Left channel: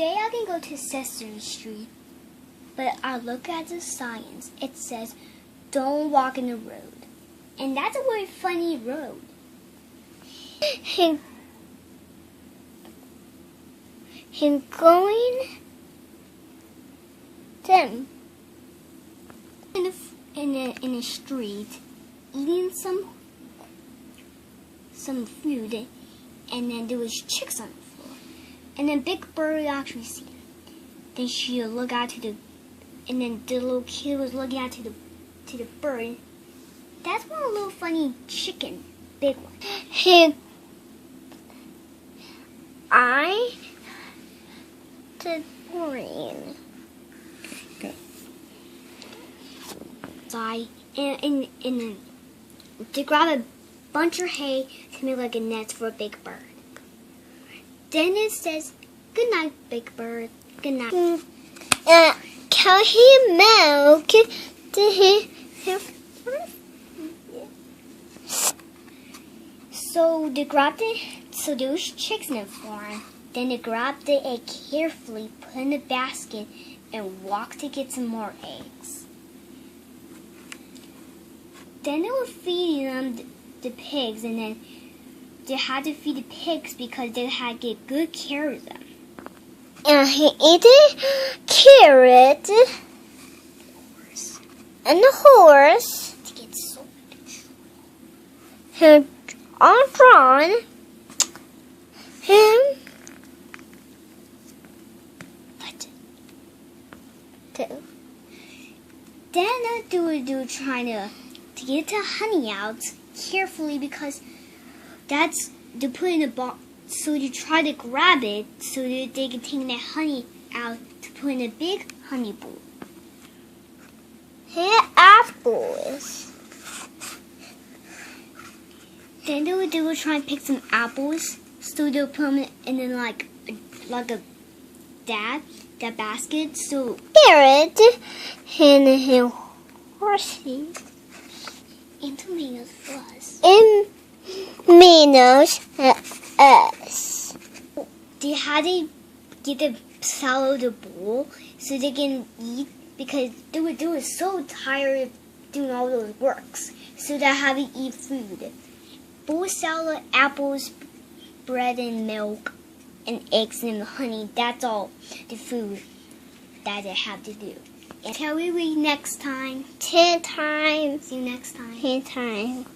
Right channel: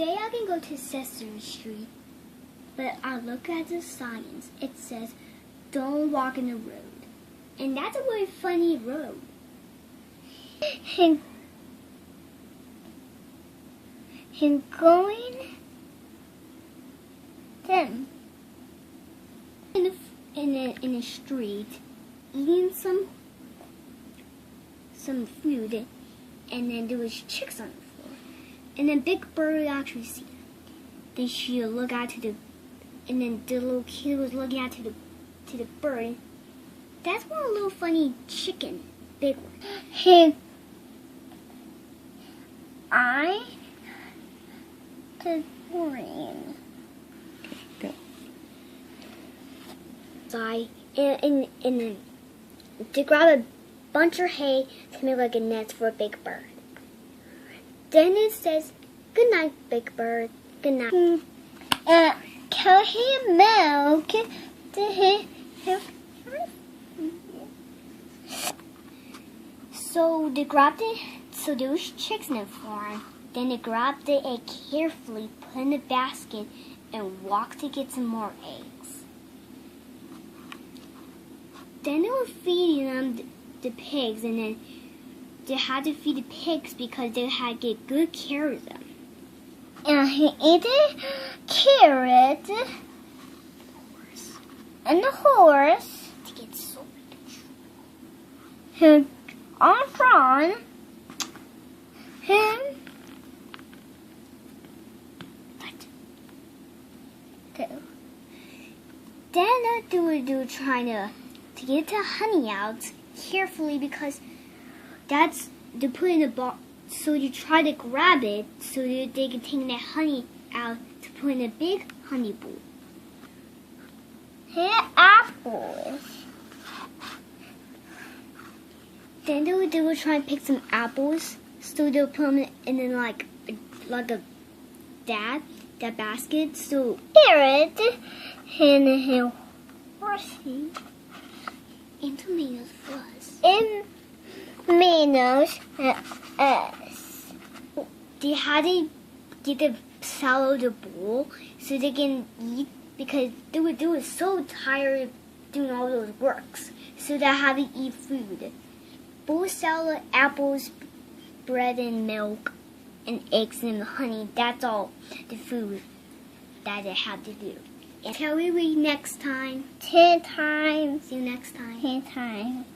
Today I can go to Sesame Street, but I look at the signs. It says, don't walk in the road. And that's a very funny road. Him going them in the street, eating some food, and then there was chicks on the floor. And then Big Bird actually see them. Then she look out to and then the little kid was looking out to the bird. That's one little funny chicken, big one. The green. Go. And to grab a bunch of hay to make like a nest for a big bird. Then it says, good night, Big Bird. Good night. Can he milk to him? So they grabbed it. So there was chicks in the farm. Then they grabbed the egg carefully, put in the basket, and walked to get some more eggs. Then they were feeding them the pigs, and then they had to feed the pigs because they had to get good care of them. And he ate a carrot and the horse. To get so He all drawn him. Then they were trying to get the honey out carefully because that's they put in the box. So you try to grab it so that they can take that honey out to put in a big honey bowl. Here apples. Then they were trying to pick some apples, so they'll put them in like that basket. So carrot and horsey and tomatoes for us. And tomatoes us. They had to get the salad the bowl so they can eat because they were so tired of doing all those works. So they had to eat food. Bowl salad, apples, bread and milk, and eggs and honey. That's all the food that they have to do. Until we read next time. 10 times. See you next time. 10 times.